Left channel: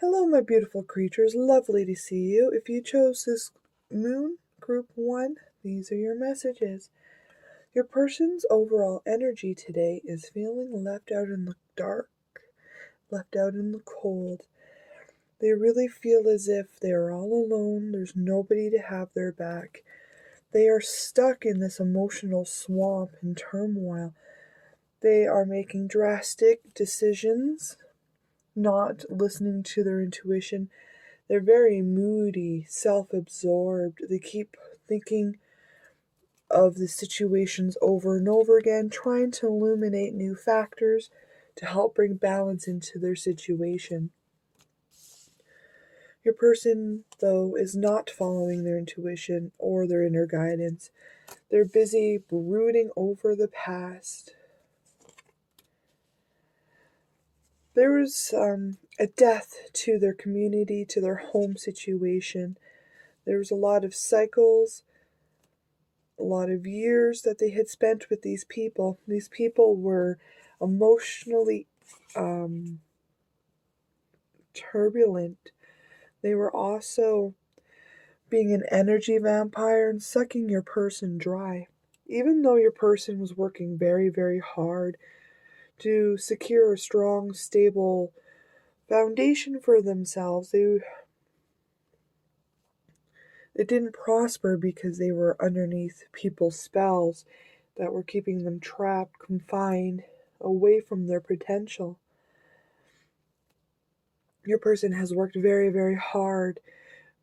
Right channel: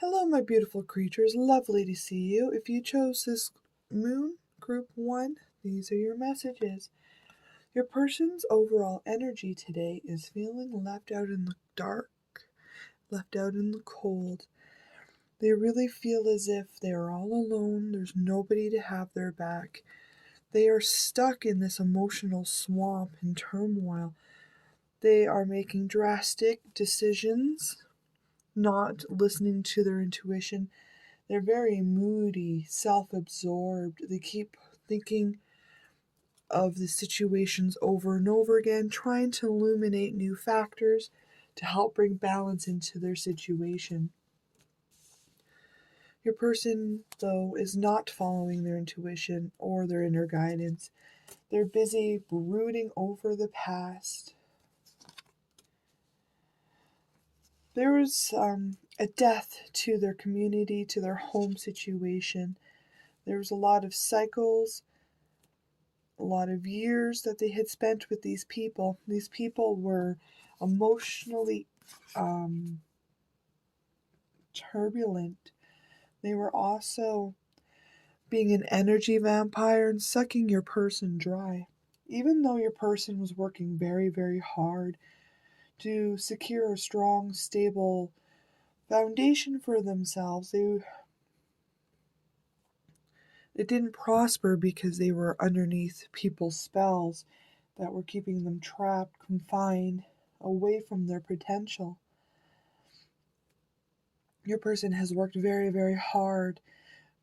Hello, my beautiful creatures. Lovely to see you. If you chose this moon, group 1, these are your messages. Your person's overall energy today is feeling left out in the dark, left out in the cold. They really feel as if they are all alone, there's nobody to have their back. They are stuck in this emotional swamp and turmoil. They are making drastic decisions, not listening to their intuition. They're very moody, self absorbed. They keep thinking of the situations over and over again, trying to illuminate new factors to help bring balance into their situation. Your person, though, is not following their intuition or their inner guidance. They're busy brooding over the past. There was a death to their community, to their home situation. There was a lot of cycles, a lot of years that they had spent with these people. These people were emotionally turbulent. They were also being an energy vampire and sucking your person dry. Even though your person was working very, very hard to secure a strong, stable foundation for themselves, it didn't prosper because they were underneath people's spells that were keeping them trapped, confined, away from their potential. Your person has worked very, very hard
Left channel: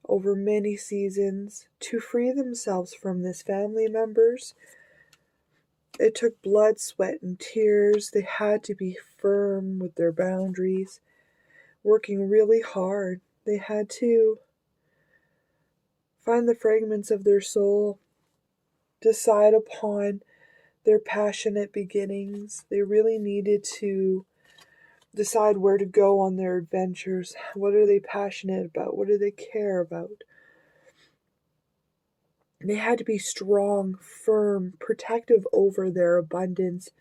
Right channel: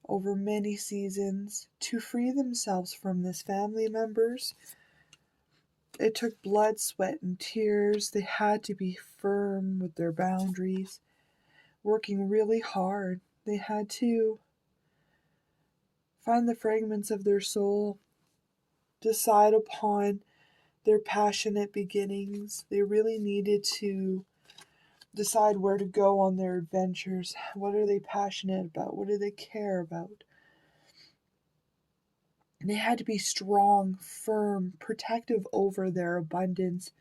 over many seasons to free themselves from this family members. It took blood, sweat, and tears. They had to be firm with their boundaries, working really hard. They had to find the fragments of their soul, decide upon their passionate beginnings. They really needed to decide where to go on their adventures. What are they passionate about? What do they care about? They had to be strong, firm, protective over their abundance,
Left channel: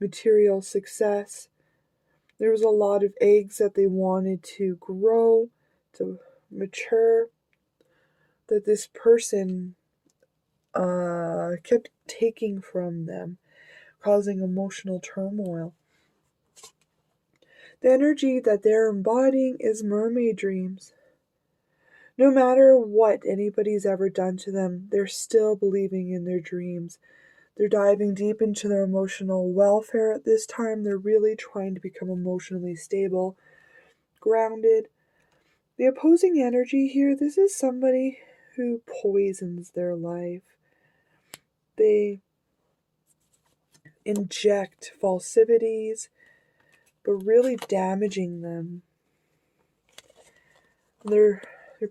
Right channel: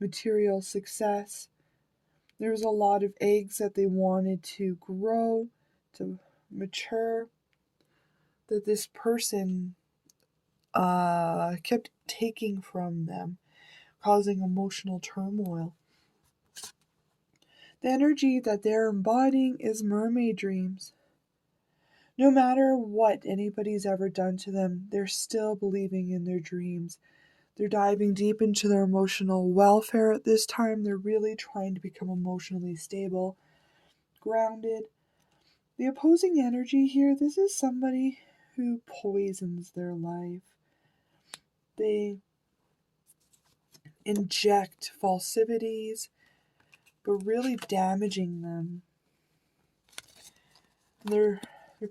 material success. There was a lot of eggs that they wanted to grow, to mature, that this person kept taking from them, causing emotional turmoil. The energy that they're embodying is mermaid dreams. No matter what anybody's ever done to them, they're still believing in their dreams. They're diving deep into their emotional welfare at this time. They're really trying to become emotionally stable, grounded. The opposing energy here, this is somebody who poisons their life. They inject falsities, but really damaging them. Their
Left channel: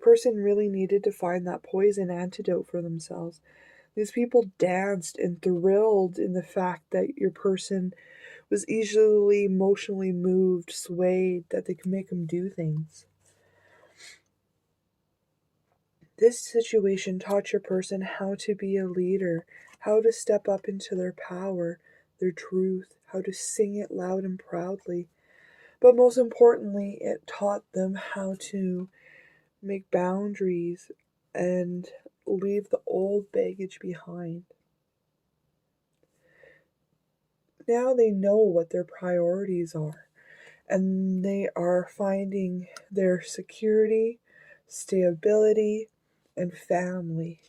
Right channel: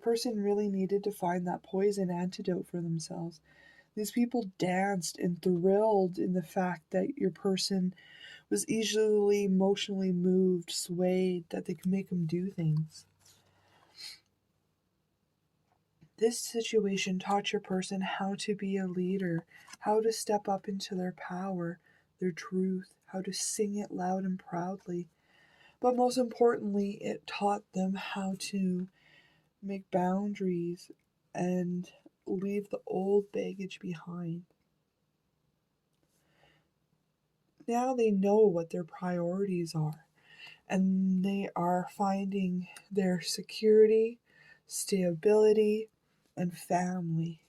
person really needed to find that poison antidote for themselves. These people danced and thrilled in the fact that your person was easily emotionally moved, swayed, that they could make them do things. This situation taught your person how to be a leader, how to step up into their power, their truth, how to sing it loud and proudly. But most importantly, it taught them how to make boundaries and leave the old baggage behind. Now they know what their priorities are, and they are finding their security, stability, and family.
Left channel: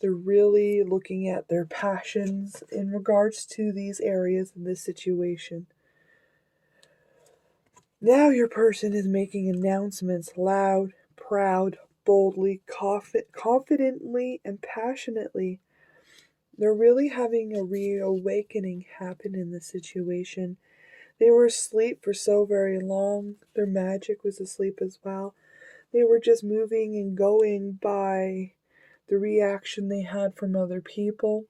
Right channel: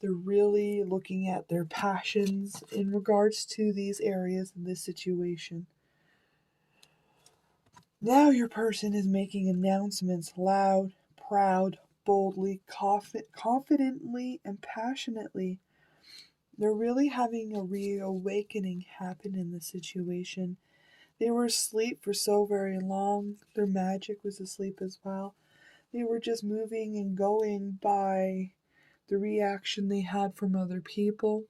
They're really looking at their passions in regards to these areas in this situation. Now your person is making announcements loud, proud, boldly, confidently, and passionately. They're really having a reawakening happen in this situation. They were asleep for so very long. Their magic was asleep as well. They were just moving and going by the reaction they had from other people.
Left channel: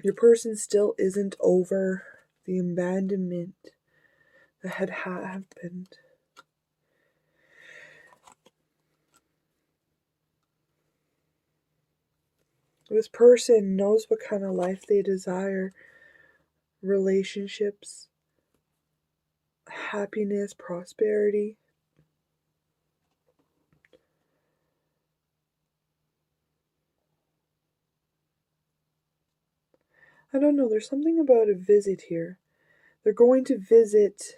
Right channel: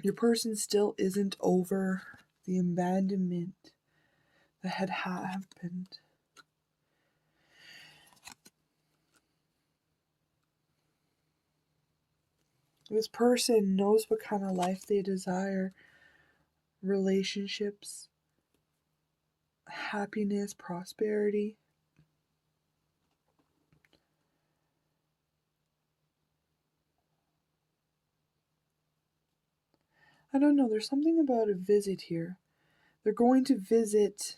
Your person still isn't over the abandonment that had happened. This person knows what kind of life they desire, relationships, happiness, prosperity. I don't know, there's something about a visit here. They're going to visit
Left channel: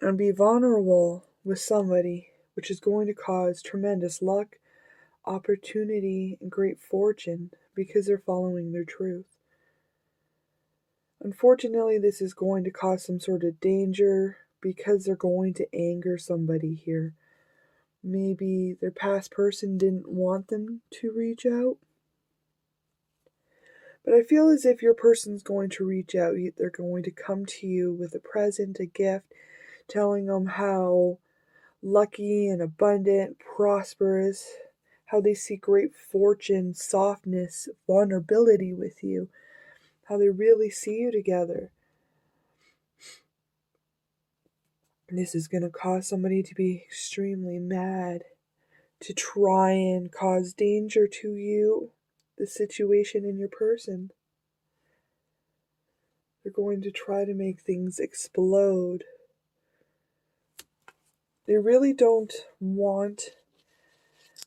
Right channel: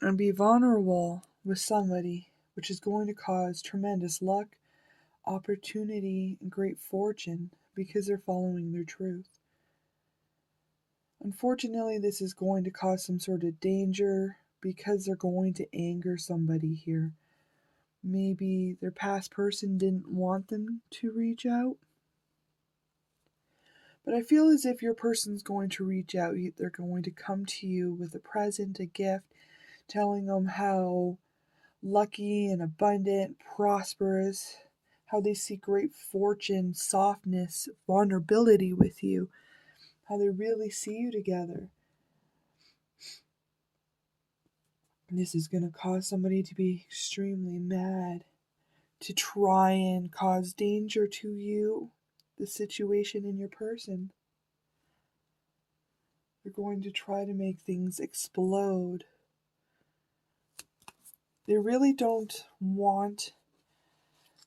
and be vulnerable with somebody, which is going to cause tremendous luck, opportunity, and great fortune because they're following their truth. Unfortunately, this is going to cause some sort of danger because they're going to anger somebody here. Maybe their past person didn't want them to reach out. But I feel as if your person's going to reach out. They're going to come to you with a present, a gift, telling them how lucky and abundant, prosperous, how they see great fortune, softness, vulnerability with you, how they really see you together. And this is going to cause somebody to be extremely mad, to try and cause danger to you, the situation, and your person. They're going to try to make things explode. They really don't want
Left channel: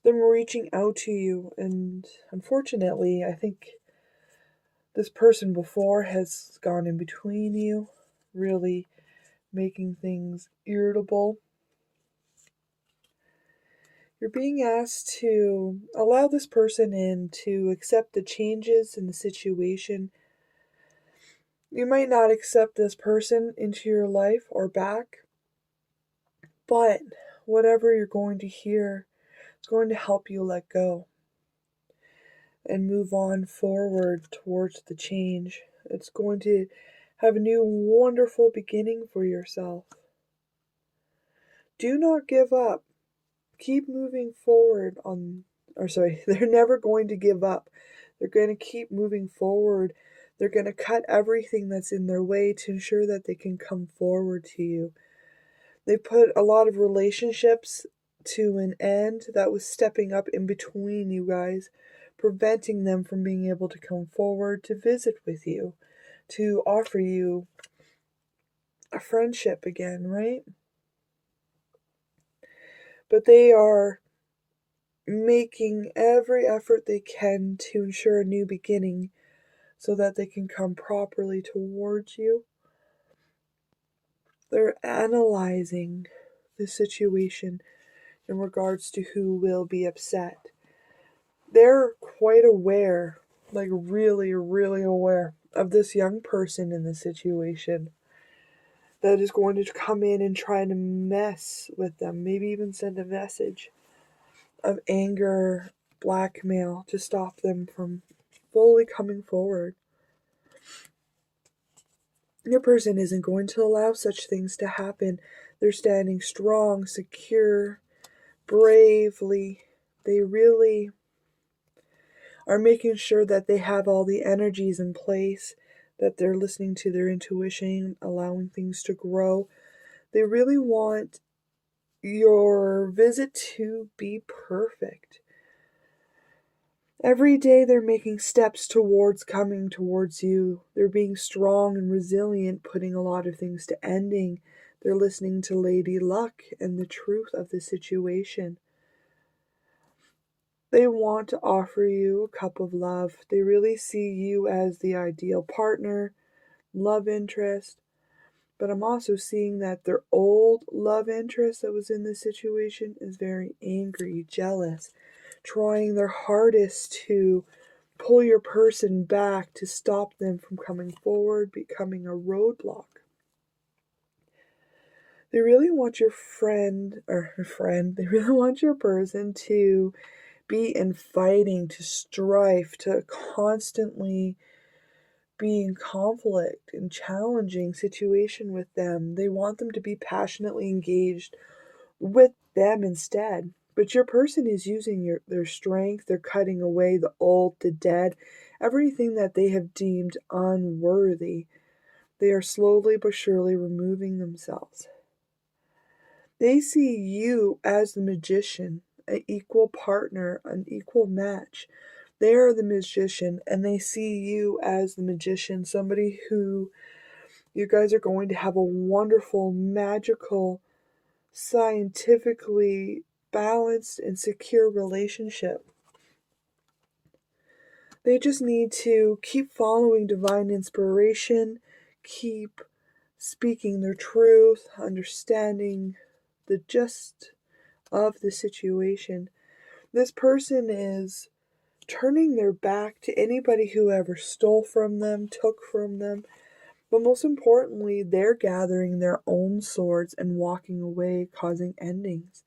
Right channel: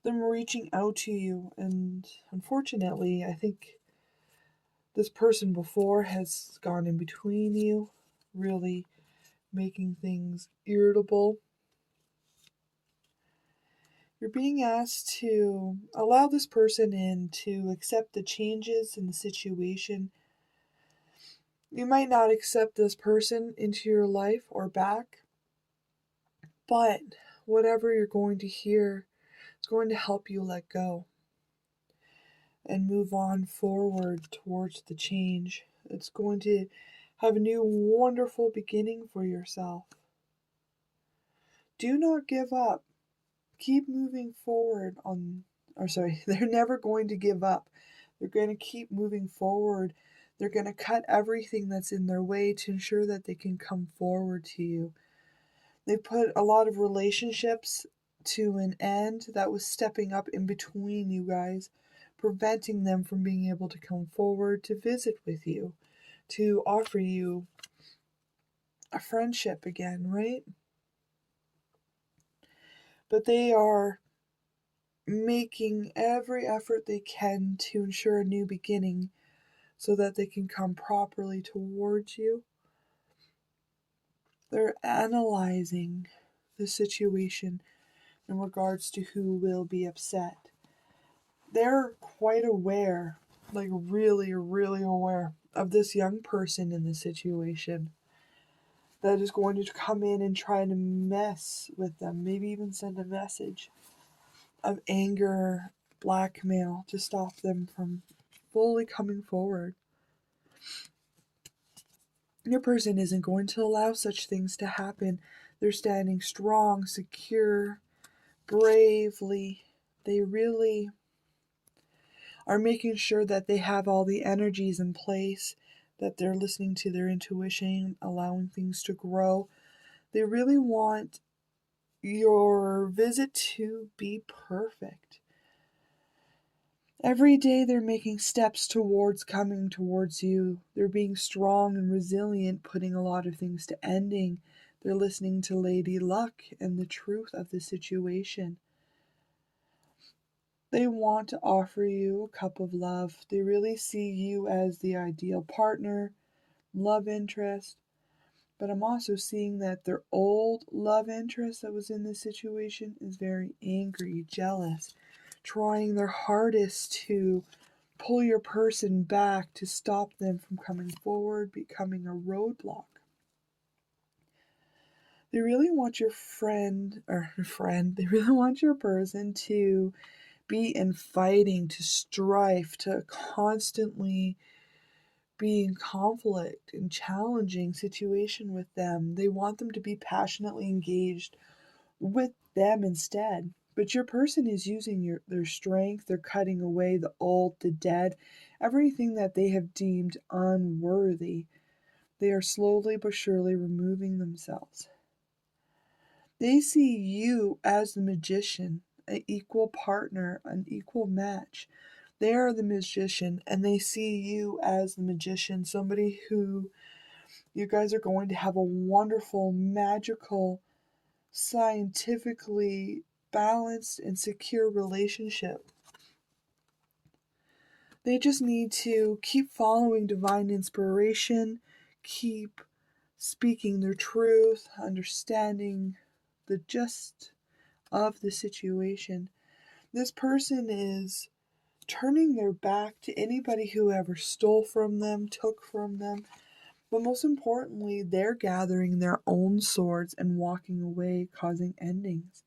them reaching out to you, and unfortunately, I think this person before has gone in between you, really making things irritable. You're being asked to allow this person in, to accept the changes in the situation. You might not accept this person into your life or back, but whatever you're going to hear is going to help you let go and move on forward towards the change. It's going to have a new wonderful beginning for yourself. Do not give up. Keep moving forward they're never going to give up. They're going to keep moving forward. They're going to cut everything that's in their way to ensure that they can come forward to you. They put a lot of relationships to an end that was stepping up in between you guys, preventing them from being able to come forward to visit with you, to offer you a friendship again, right? But they are making every effort they can to ensure a new beginning so that they can come properly towards you. They're analyzing the situation in regards to who will be upset. They're quite aware, like really, really aware of this young person in the situation that is going to come in and try to mess with them, maybe even send a message of anger, blackmail to stop them from fully coming forward. Your person isn't going to allow such things to happen. They're standing strong, secure, bravely. They really are making sure that they have all the energies in place, that they're listening to their intuition, allowing things to grow. They really want your visit to be perfect. Every day they're making steps towards coming towards you. They're being strong and resilient, putting a lot of things to ending. They're listening to Lady Luck and the truth of the situation. They want to offer you a cup of love. They really see you as the ideal partner, love interest. But I'm also seeing that their old love interest that was in this situation is very angry, jealous, trying their hardest to pull your person back to stop them from coming forward, becoming a roadblock. They really want your they really want your person to be in fighting, to strife, to constantly be in conflict and challenging situation with them. They want them to be passionately engaged with them instead. But your person is using their strength. They're cutting away the old, the dead, everything that they have deemed unworthy. They are slowly but surely removing themselves. They see you as the magician an equal partner, an equal match. They are the magician, and they see you as the magician, somebody who you guys are going to have a wonderful, magical, scientifically balanced, and secure relationship. They just need to keep following divine inspiration, keep speaking their truth, understanding the gist of the situation. This person is turning their back to anybody who ever stole from them, took from them, but most importantly, they're gathering their own swords and walking away, causing endings.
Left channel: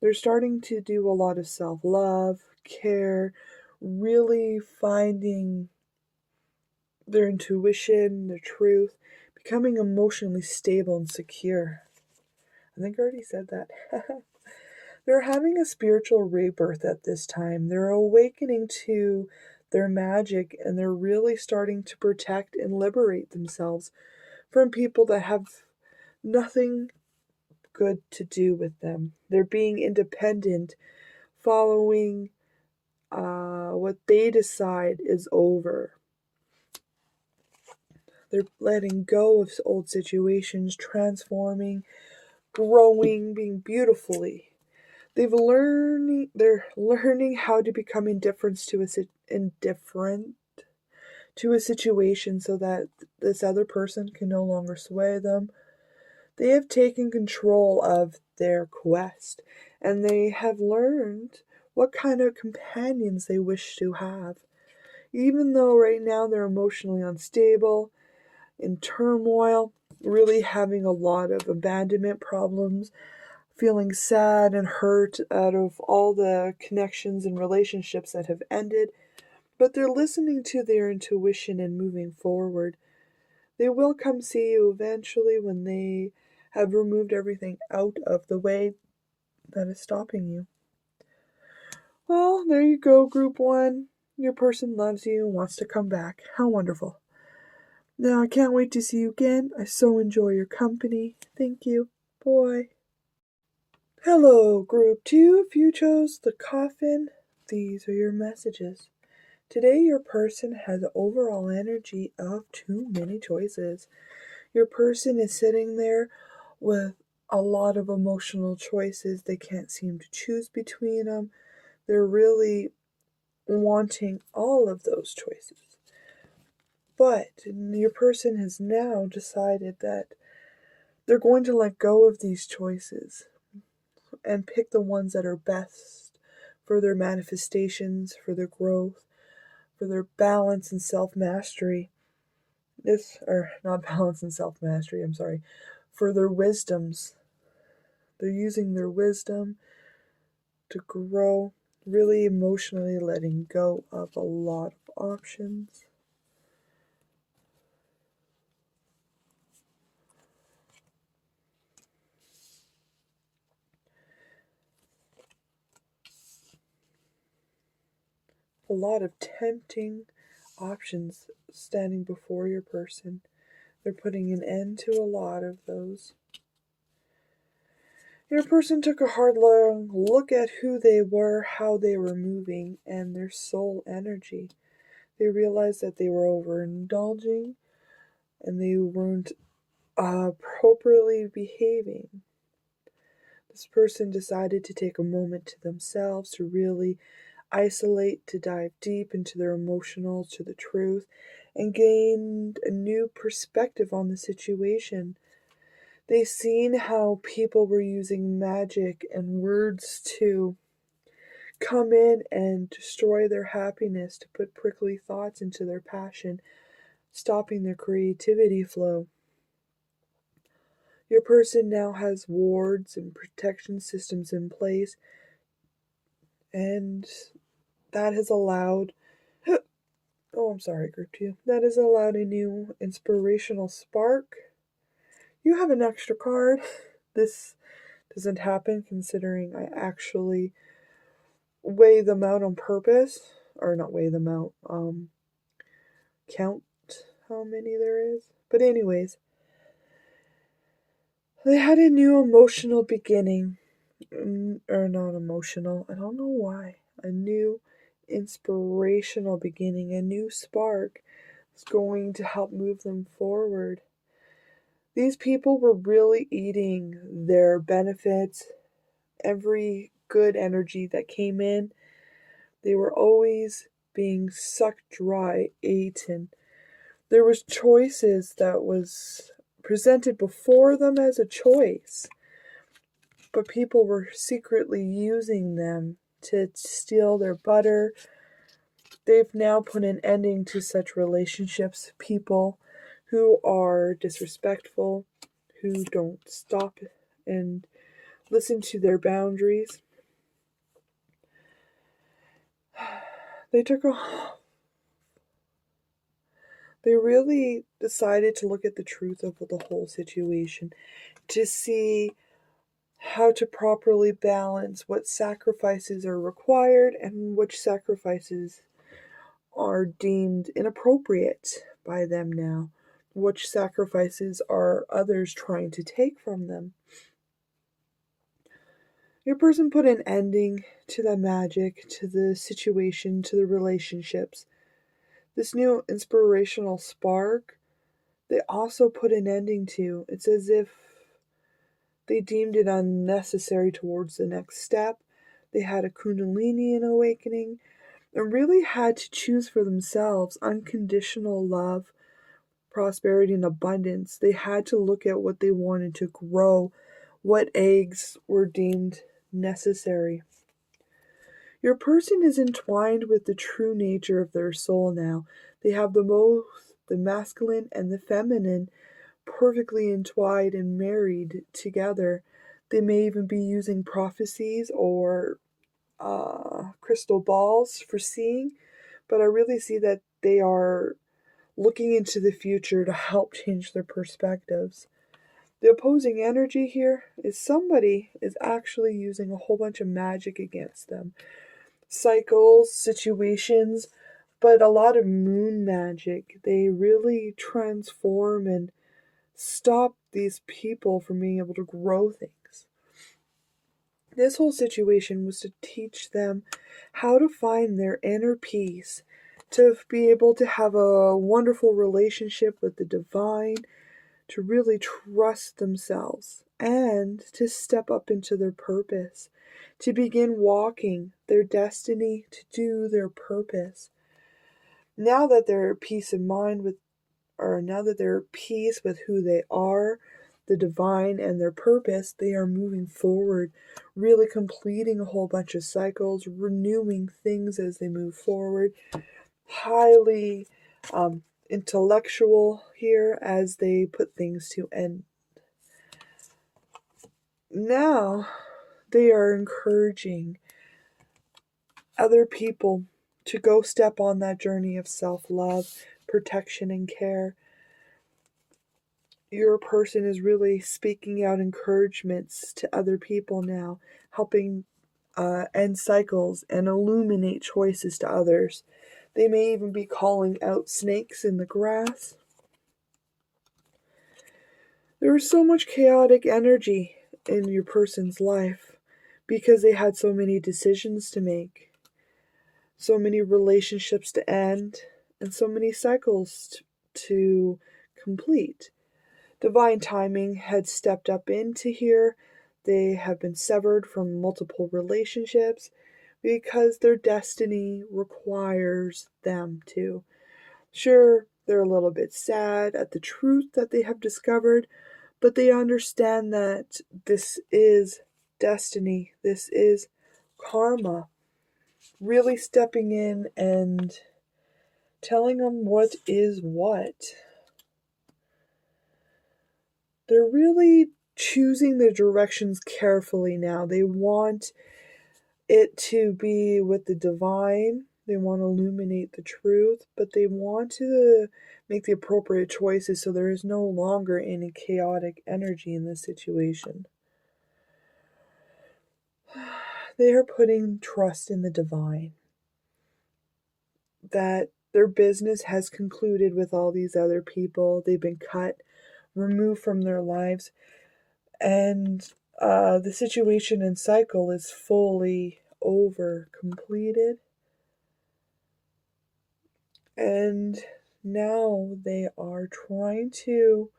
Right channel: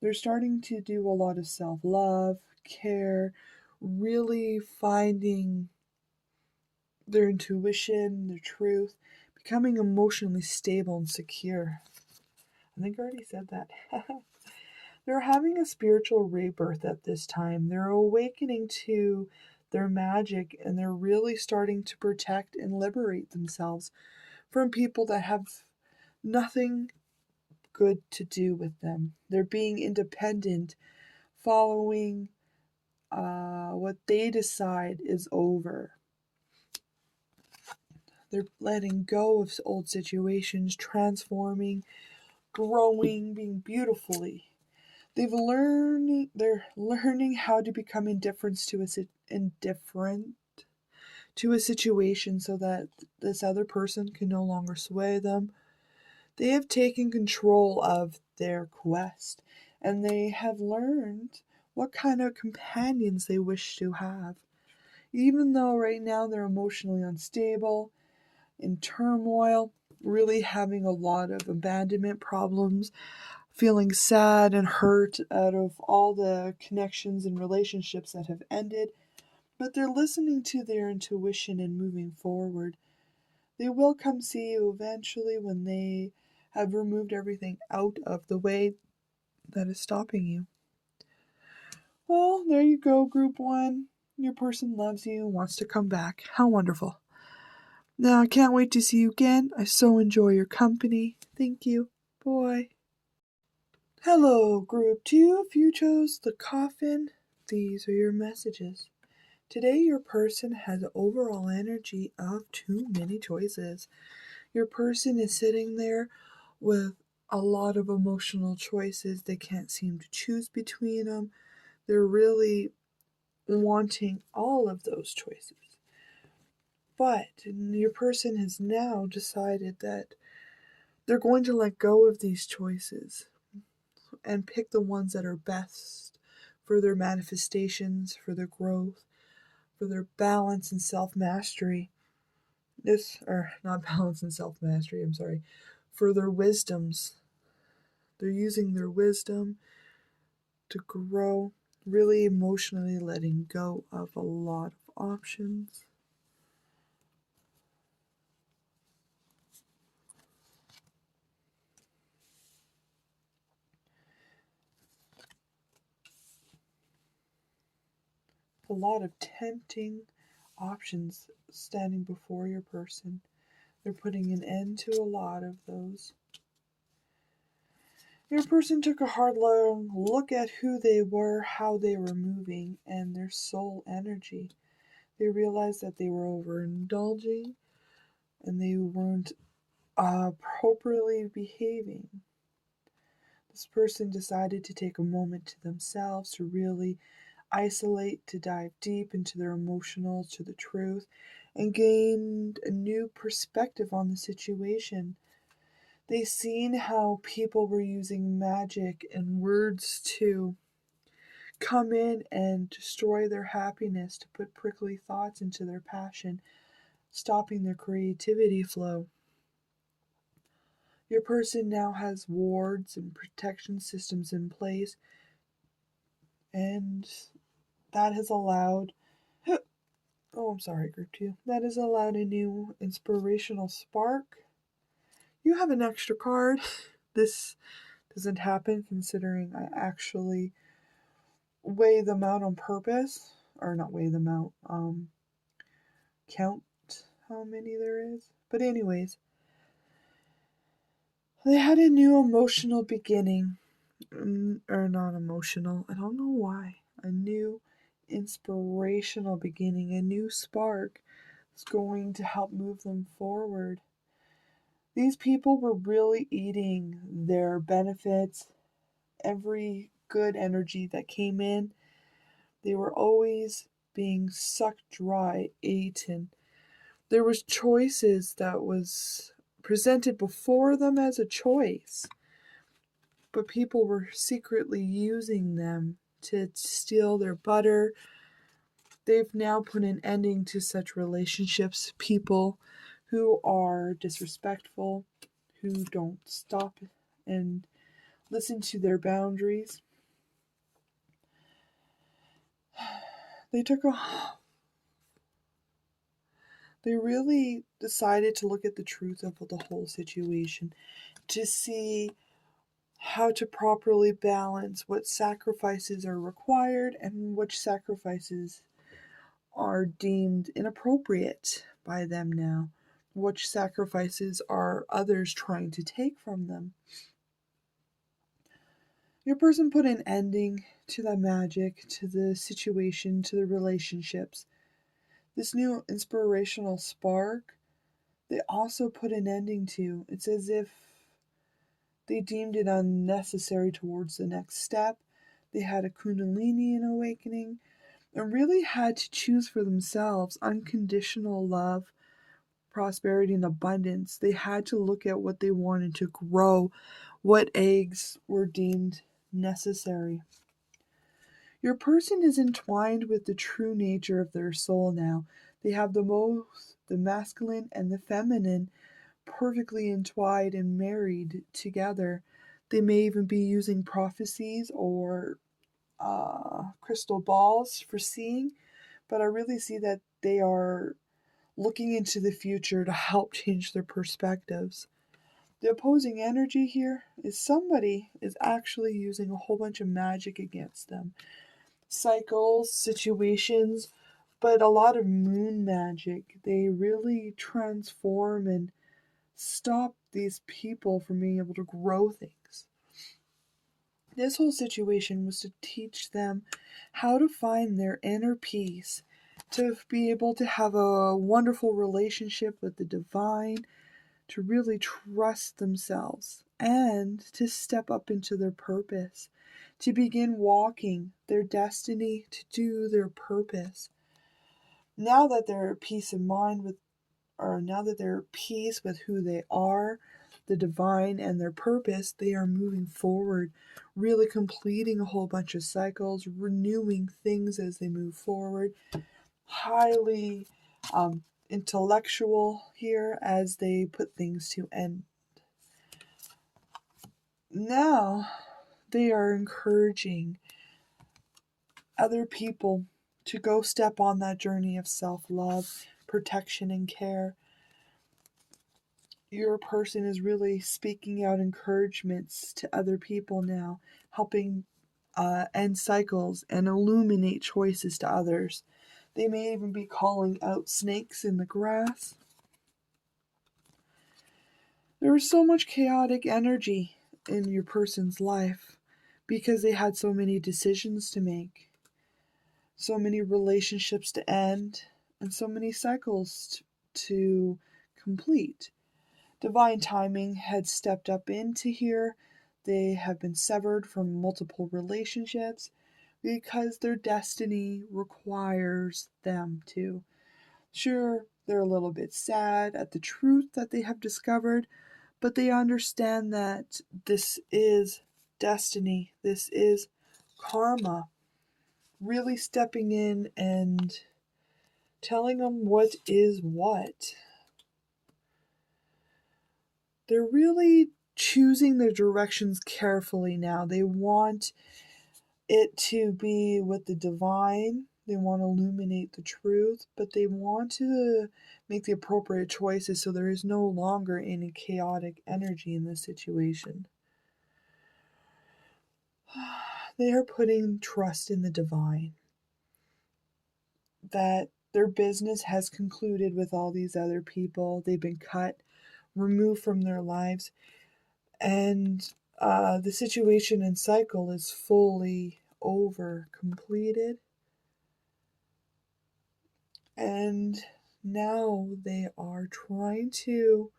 They're starting to do a lot of self love, care, really finding their intuition, their truth, becoming emotionally stable and secure. I think I already said that. They're having a spiritual rebirth at this time. They're awakening to their magic, and they're really starting to protect and liberate themselves from people that have nothing good to do with them. They're being independent, following what they decide is over. They're letting go of old situations, transforming, growing, being beautifully. They're learning how to become indifferent to a situation so that this other person can no longer sway them. They have taken control of their quest, and they have learned what kind of companions they wish to have. Even though right now they're emotionally unstable, in turmoil, really having a lot of abandonment problems, feeling sad and hurt out of all the connections and relationships that have ended, but they're listening to their intuition and moving forward. They will come see you eventually when they have removed everything out of the way that is stopping you. Well, there you go, Group 1. Your person loves you and wants to come back. How wonderful. Now, I can't wait to see you again. I so enjoy your company. Thank you. Bye. Hello, Group 2. If you chose the coffin, these are your messages. Today, your person has overall energy of too many choices. Your person is sitting there with a lot of emotional choices. They can't seem to choose between them. They're really wanting all of those choices. But your person has now decided that they're going to let go of these choices and pick the ones that are best for their manifestations, for their growth, for their balance and self-mastery. Not balance and self-mastery, I'm sorry, for their wisdoms. They're using their wisdom to grow, really emotionally letting go of a lot of options. A lot of tempting options standing before your person. They're putting an end to a lot of those. Your person took a hard long look at who they were, how they were moving, and their soul energy. They realized that they were overindulging and they weren't appropriately behaving. This person decided to take a moment to themselves to really isolate, to dive deep into their emotional, to the truth, and gained a new perspective on the situation. They seen how people were using magic and words to come in and destroy their happiness, to put prickly thoughts into their passion, stopping their creativity flow. Your person now has wards and protection systems in place, and that has allowed Group 2. That has allowed a new inspirational spark. You have an extra card. This doesn't happen considering I actually weigh them out on purpose. Or not weigh them out, count how many there is. But anyways, they had a new emotional beginning. or not emotional, I don't know why, a new inspirational beginning, a new spark is going to help move them forward. These people were really eating their benefits, every good energy that came in. They were always being sucked dry, eaten. There was choices that was presented before them as a choice, but people were secretly using them to steal their butter. They've now put an ending to such relationships. People who are disrespectful, who don't stop and listen to their boundaries. They really decided to look at the truth of the whole situation, to see how to properly balance what sacrifices are required and which sacrifices are deemed inappropriate by them now, which sacrifices are others trying to take from them. Your person put an ending to the magic, to the situation, to the relationships. This new inspirational spark, they also put an ending to. It's as if they deemed it unnecessary towards the next step. They had a Kundalini awakening and really had to choose for themselves unconditional love, prosperity, and abundance. They had to look at what they wanted to grow, what eggs were deemed necessary. Your person is entwined with the true nature of their soul now. They have the masculine and the feminine perfectly entwined and married together. They may even be using prophecies or crystal balls for seeing, but I really see that they are looking into the future to help change their perspectives. The opposing energy here is somebody is actually using a whole bunch of magic against them. Cycles, situations, but a lot of moon magic. They really transform and stop these people from being able to grow things. This whole situation was to teach them how to find their inner peace, to be able to have a wonderful relationship with the divine, to really trust themselves, and to step up into their purpose, to begin walking their destiny, to do their purpose. Now that they're at peace of mind with, or now that they're at peace with who they are, the divine, and their purpose, they are moving forward, really completing a whole bunch of cycles, renewing things as they move forward. Highly intellectual here as they put things to end. Now they are encouraging other people to go step on that journey of self-love, protection, and care. Your person is really speaking out encouragements to other people now, helping end cycles and illuminate choices to others. They may even be calling out snakes in the grass. There was so much chaotic energy in your person's life because they had so many decisions to make, so many relationships to end, and so many cycles to complete. Divine timing had stepped up into here. They have been severed from multiple relationships because their destiny requires them to. Sure, they're a little bit sad at the truth that they have discovered, but they understand that this is destiny, this is karma. Really stepping in and telling them what is what. They're really choosing their directions carefully now. They want it to be with the divine. They want to illuminate the truth, but they want to make the appropriate choices so there is no longer any chaotic energy in this situation. They are putting trust in the divine, that their business has concluded with all these other people. They've been cut, removed from their lives, and The situation and cycle is fully over, completed, and now they are trying to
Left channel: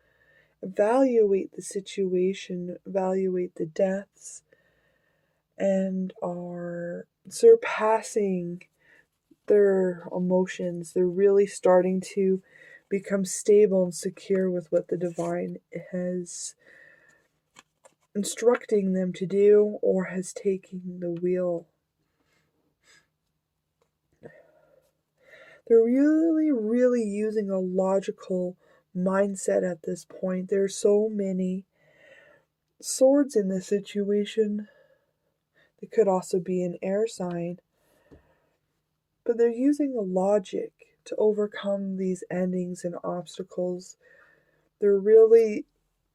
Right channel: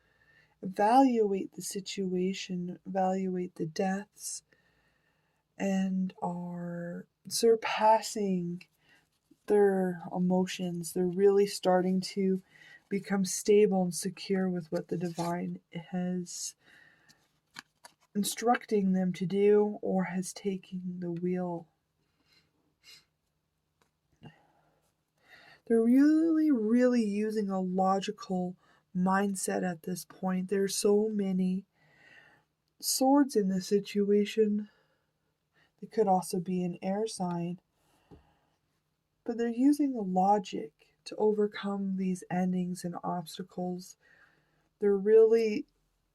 evaluate the situation, evaluate the deaths, and are surpassing their emotions. They're really starting to become stable and secure with what the divine has instructing them to do or has taken the wheel. They're really using a logical mindset at this point. There's so many swords in this situation. It could also be an air sign. But they're using the logic to overcome these endings and obstacles. They're really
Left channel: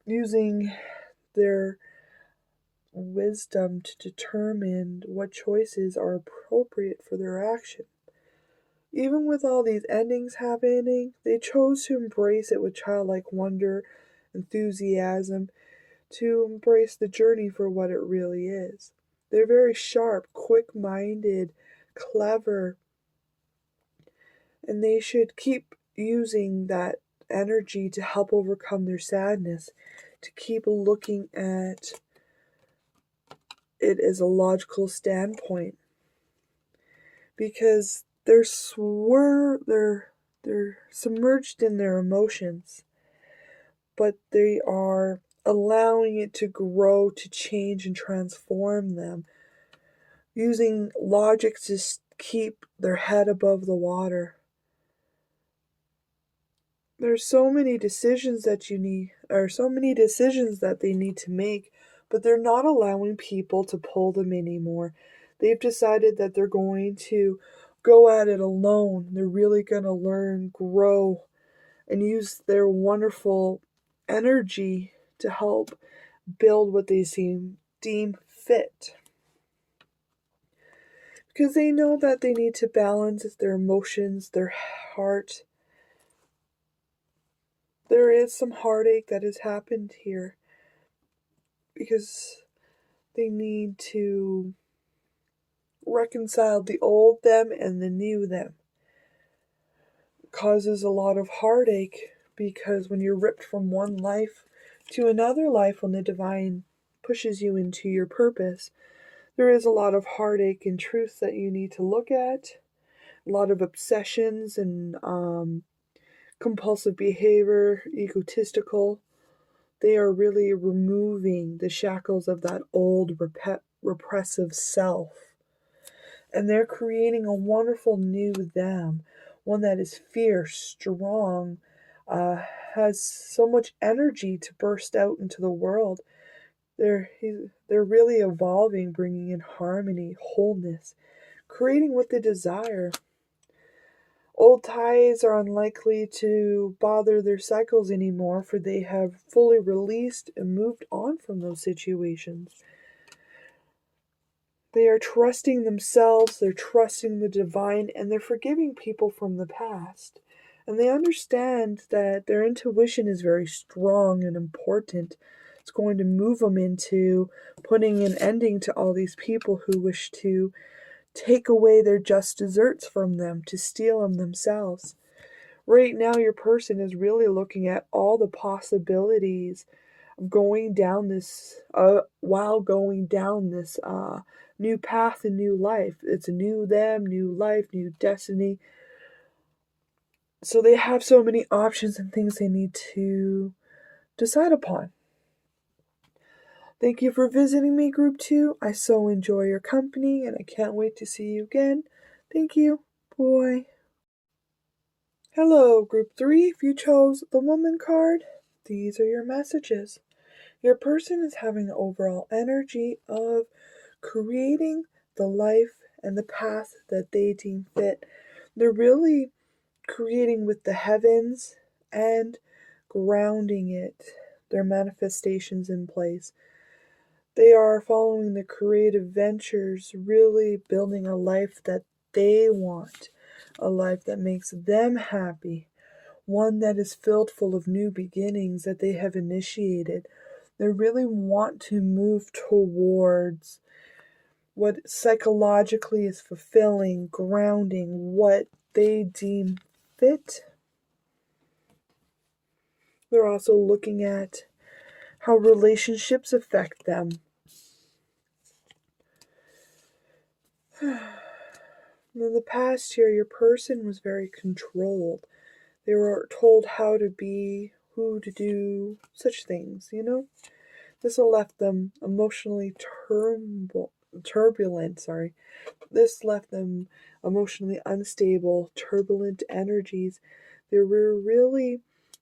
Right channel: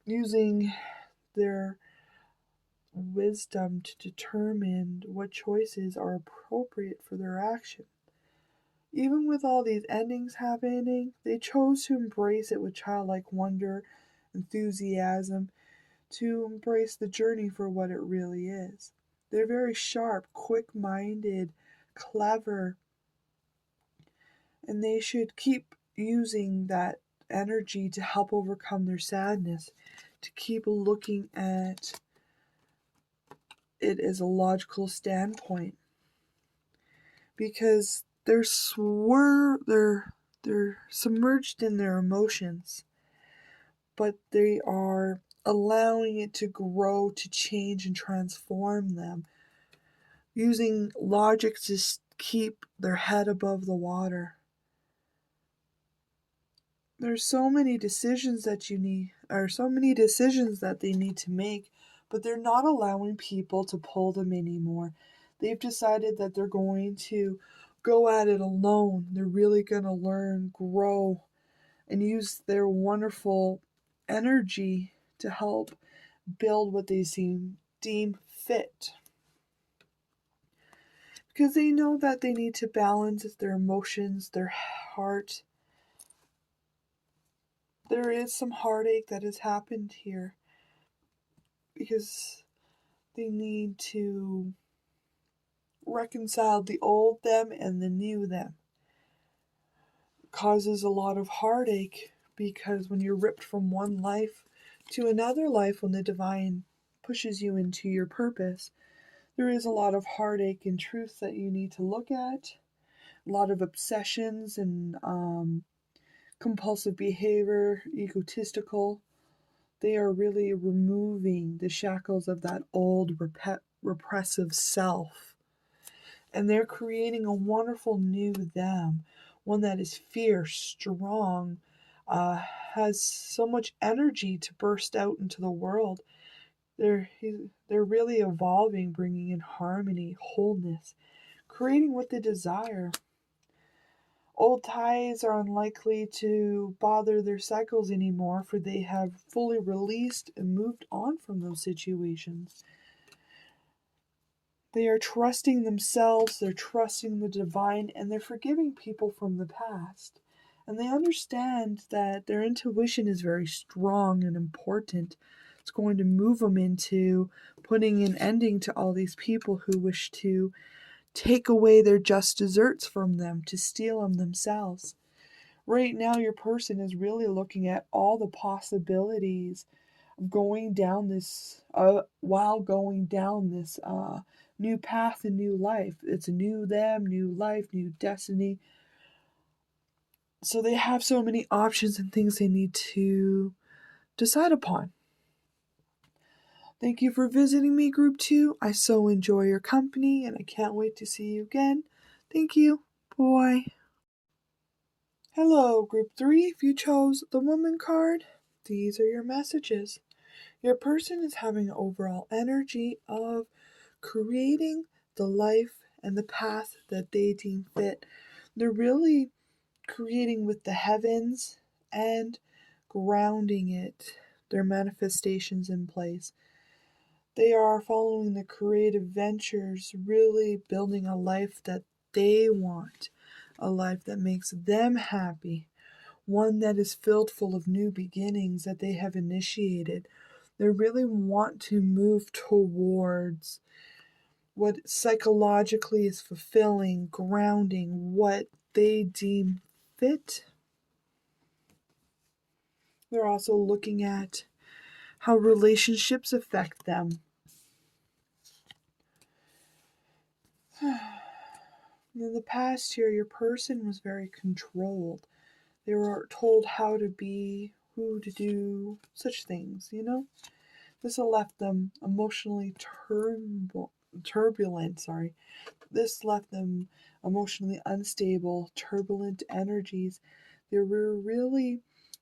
using their wisdom to determine what choices are appropriate for their action. Even with all these endings happening, they chose to embrace it with childlike wonder, enthusiasm, to embrace the journey for what it really is. They're very sharp, quick minded, clever, and they should keep using that energy to help overcome their sadness, to keep looking at it as a logical standpoint, because they're submerged in their emotions, but they are allowing it to grow, to change and transform them, using logic to keep their head above the water. There's so many decisions that they need to make, but they're not allowing people to pull them anymore. They've decided that they're going to go at it alone. They're really going to learn, grow, and use their wonderful energy to help build what they deem fit. Because they know that they need to balance their emotions, their heart. There is some heartache that has happened here because they need to reconcile the old them and the new them. It causes a lot of heartache because when you're ripped from one life to another life, when the divine pushes you into your purpose, there is a lot of heartache and truth that you need to look at, a lot of obsessions and compulsive behavior, egotistical. They are really removing the shackles of that old repressive self. And they're creating a wonderful new them, one that is fierce, strong, has so much energy to burst out into the world. They're really evolving, bringing in harmony, wholeness, creating what they desire. Old ties are unlikely to bother their cycles anymore, for they have fully released and moved on from those situations. They are trusting themselves, they're trusting the divine, and they're forgiving people from the past. And they understand that their intuition is very strong and important. It's going to move them into putting an ending to all these people who wish to take away their just desserts from them, to steal them themselves. Right now, your person is really looking at all the possibilities of going down this, while going down this new path and new life. It's a new them, new life, new destiny. So they have so many options and things they need to decide upon. Thank you for visiting me, Group 2. I so enjoy your company and I can't wait to see you again. Thank you. Bye. Hello, Group 3. If you chose the Woman card, these are your messages. Your person is having an overall energy of creating the life and the path that they deem fit. They're really creating with the heavens and grounding it, their manifestations in place. They are following the creative ventures, really building a life that they want, a life that makes them happy, one that is filled full of new beginnings that they have initiated. They really want to move towards what psychologically is fulfilling, grounding, what they deem fit. They're also looking at how relationships affect them. In the past year, your person was very controlled. They were told how to be, who to do, such things, you know? This left them emotionally turbulent. This left them emotionally unstable, turbulent energies. They were really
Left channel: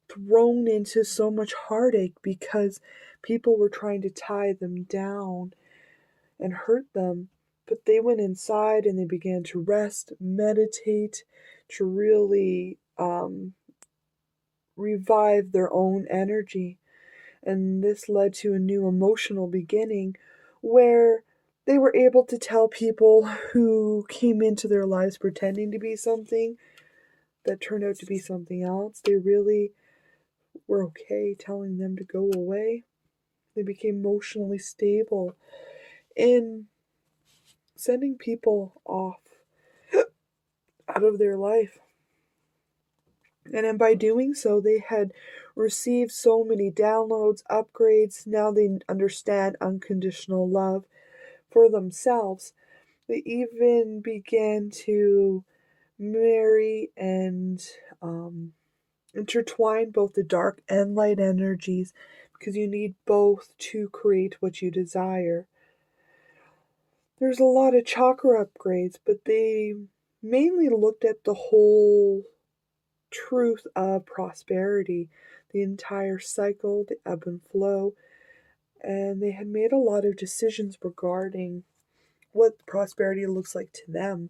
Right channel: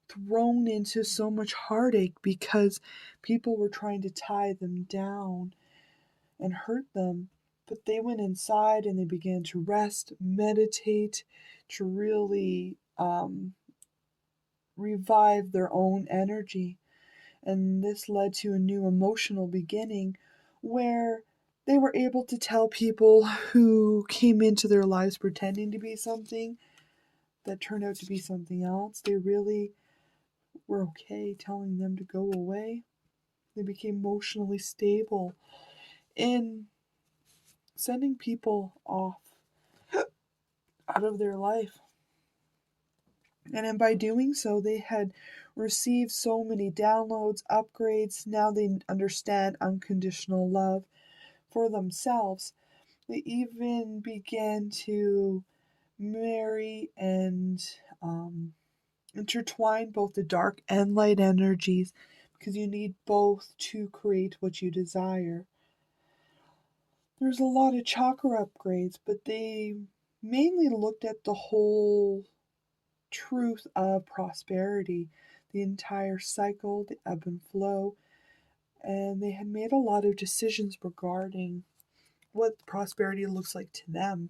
thrown into so much heartache because people were trying to tie them down and hurt them. But they went inside and they began to rest, meditate, to really revive their own energy. And this led to a new emotional beginning where they were able to tell people who came into their lives pretending to be something that turned out to be something else. They really were okay telling them to go away. They became emotionally stable in sending people off out of their life. And by doing so, they had received so many downloads, upgrades. Now they understand unconditional love for themselves. They even began to marry and intertwine both the dark and light energies because you need both to create what you desire. There's a lot of chakra upgrades, but they mainly looked at the whole truth of prosperity, the entire cycle, the ebb and flow, and they had made a lot of decisions regarding what prosperity looks like to them.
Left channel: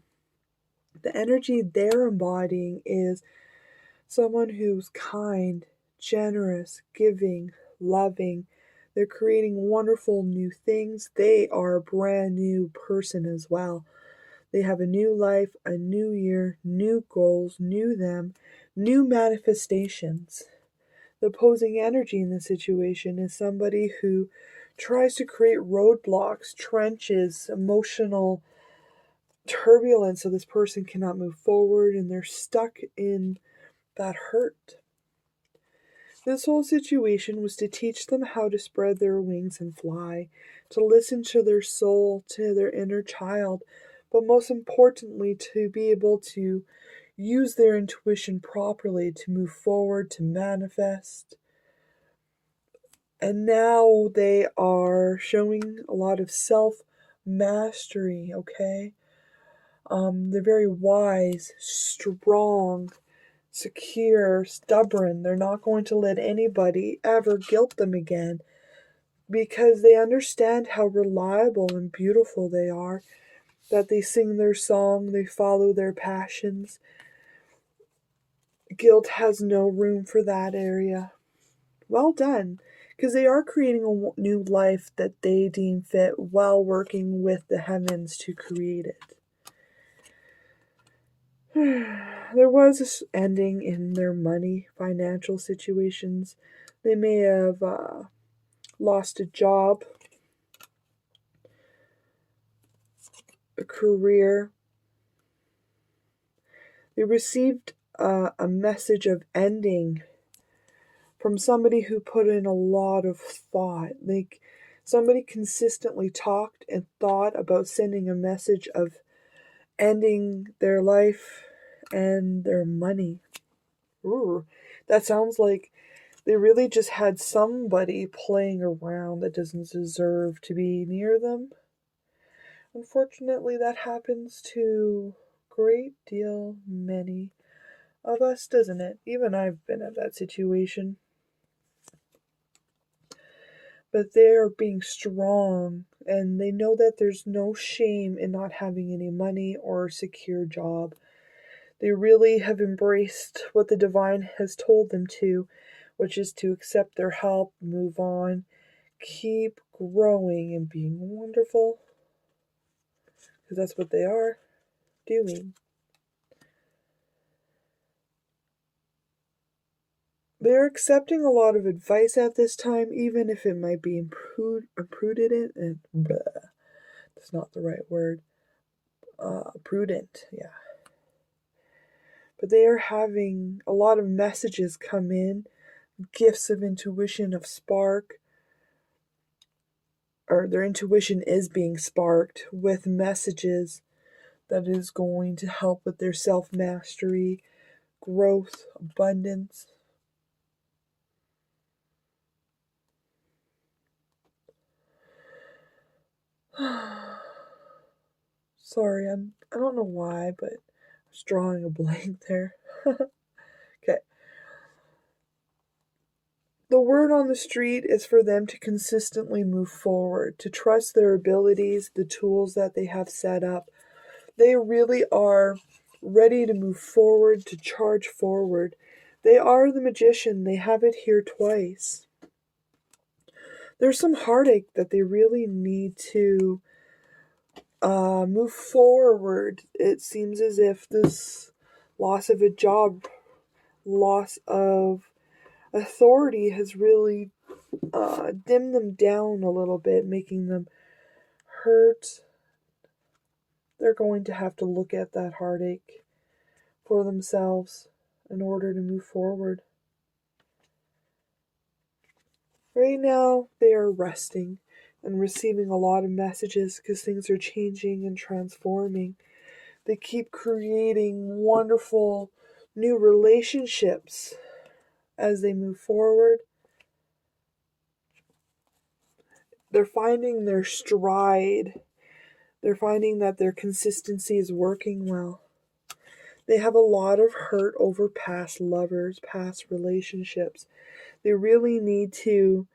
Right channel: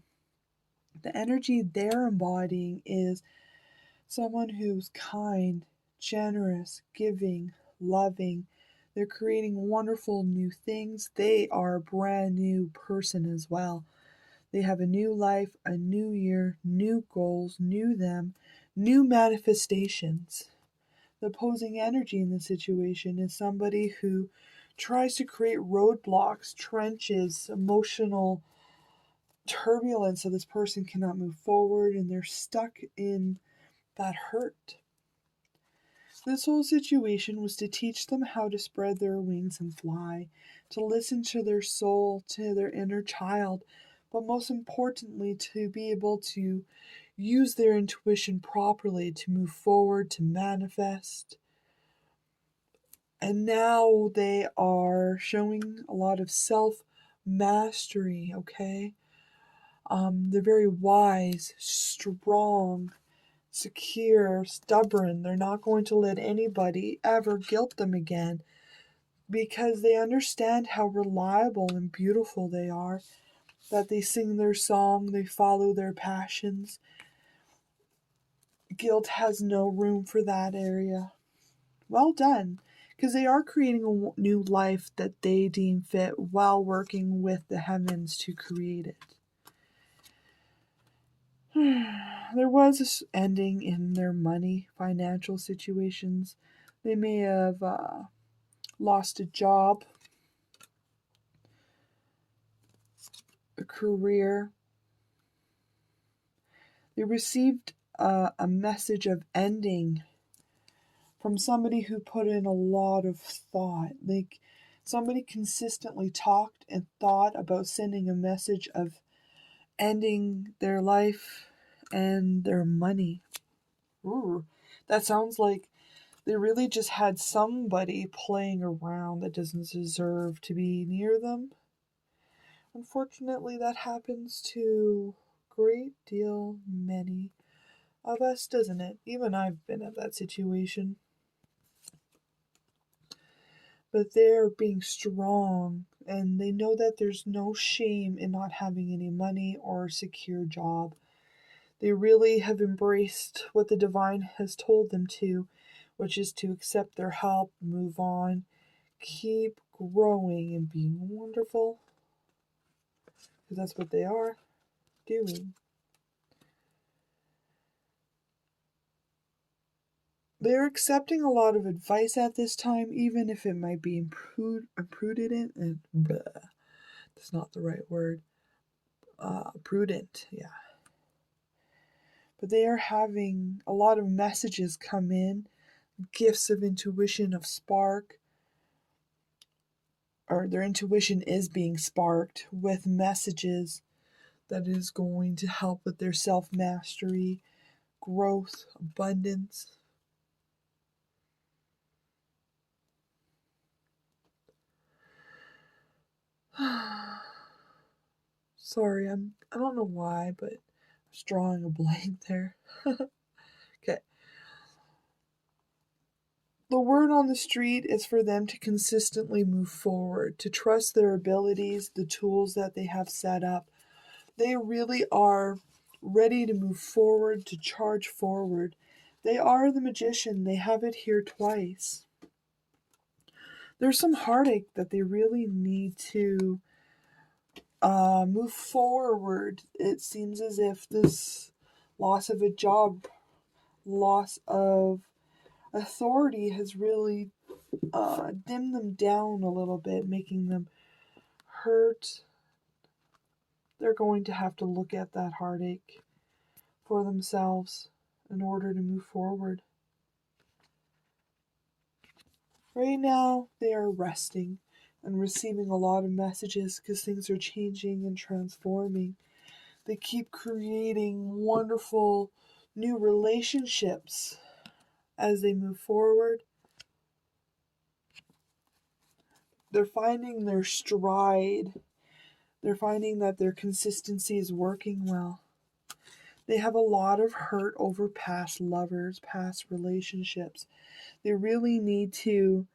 The energy they're embodying is someone who's kind, generous, giving, loving. They're creating wonderful new things. They are a brand new person as well. They have a new life, a new year, new goals, new them, new manifestations. The opposing energy in the situation is somebody who tries to create roadblocks, trenches, emotional turbulence so this person cannot move forward and they're stuck in that hurt. This whole situation was to teach them how to spread their wings and fly, to listen to their soul, to their inner child, but most importantly, to be able to use their intuition properly to move forward, to manifest. And now they are showing a lot of self mastery, okay? They're very wise, strong, secure, stubborn. They're not going to let anybody ever guilt them again because they understand how reliable and beautiful they are, that they sing their song, they follow their passions. Guilt has no room for that area. Well done, because they are creating a new life that they deem fit while working with the heavens to create it. There was this ending in their money, financial situations. They may have lost a job, a career. They received a message of ending from somebody who put in a lot of thought. Like somebody consistently talked and thought about sending a message of ending their life and their money. Ooh, that sounds like they really just had somebody playing around that doesn't deserve to be near them. Unfortunately, that happens to a great deal many of us, doesn't it? Even I've been in that situation. But they're being strong and they know that there's no shame in not having any money or a secure job. They really have embraced what the divine has told them to, which is to accept their help, move on, keep growing and being wonderful, because that's what they are doing. They're accepting a lot of advice at this time, even if it might be imprudent and that's not the right word. Prudent, yeah. But they are having a lot of messages come in, gifts of intuition, of spark, or their intuition is being sparked with messages that is going to help with their self-mastery, growth, abundance. Sorry, I don't know why, but I was drawing a blank there. Okay. The word on the street is for them to consistently move forward, to trust their abilities, the tools that they have set up. They really are ready to move forward, to charge forward. They are the magician. They have it here twice. There's some heartache that they really need to move forward. It seems as if this loss of a job, loss of authority has really dimmed them down a little bit, making them hurt. They're going to have to look at that heartache for themselves in order to move forward. Right now, they are resting and receiving a lot of messages because things are changing and transforming. They keep creating wonderful new relationships as they move forward. They're finding their stride. They're finding that their consistency is working well. They have a lot of hurt over past lovers, past relationships. They really need to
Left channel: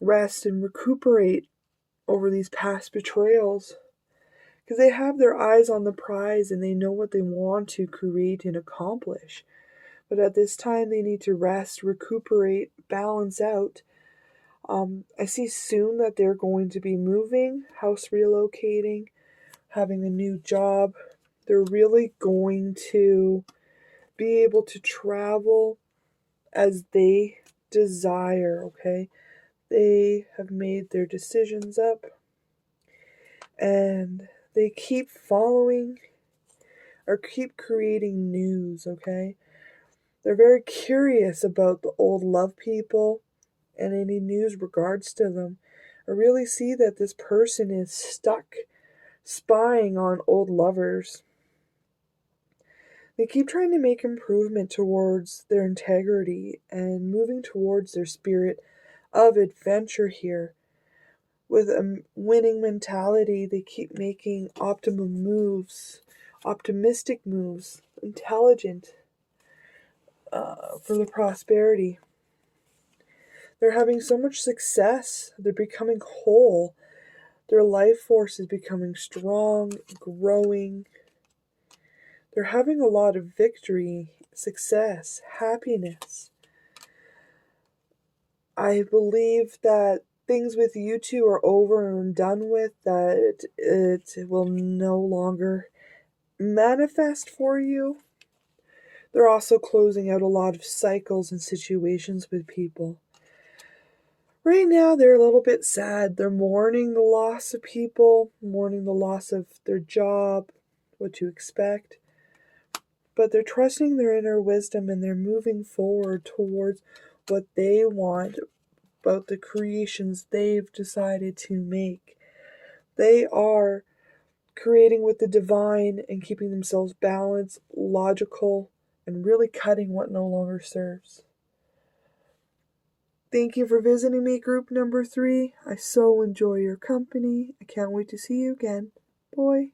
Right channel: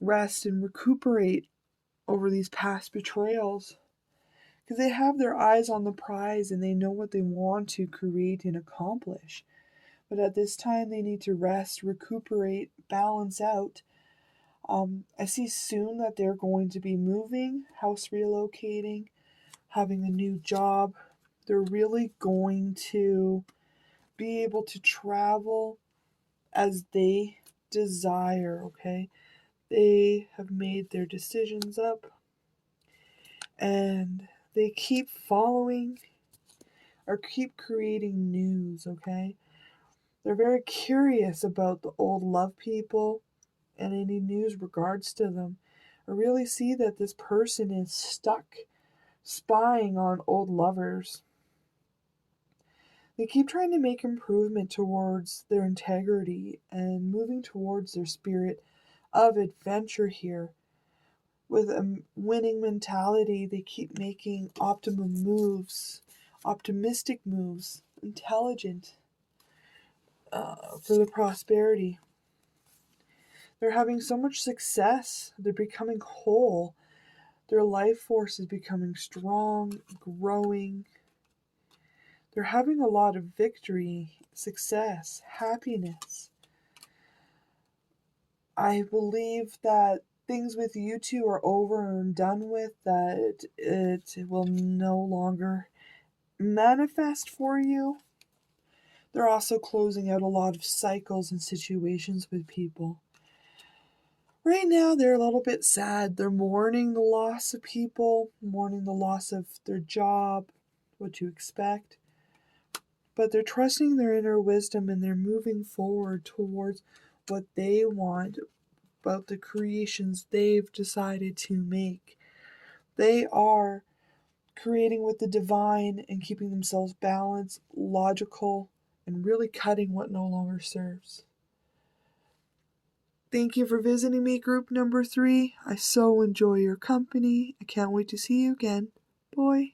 rest and recuperate over these past betrayals because they have their eyes on the prize and they know what they want to create and accomplish. But at this time, they need to rest, recuperate, balance out. I see soon that they're going to be moving, house relocating, having a new job. They're really going to be able to travel as they desire, okay? They have made their decisions up and they keep following or keep creating news, okay? They're very curious about the old love people and any news regards to them. I really see that this person is stuck spying on old lovers. They keep trying to make improvement towards their integrity and moving towards their spirit of adventure here. With a winning mentality, they keep making optimum moves, optimistic moves, intelligent for the prosperity. They're having so much success. They're becoming whole. Their life force is becoming strong, growing. They're having a lot of victory, success, happiness. I believe that things with you two are over and done with, that it will no longer manifest for you. They're also closing out a lot of cycles and situations with people. Right now, they're a little bit sad. They're mourning the loss of people, mourning the loss of their job, what to expect. But they're trusting their inner wisdom and they're moving forward towards what they want, about the creations they've decided to make. They are creating with the divine and keeping themselves balanced, logical, and really cutting what no longer serves. Thank you for visiting me, group number 3. I so enjoy your company. I can't wait to see you again. Bye.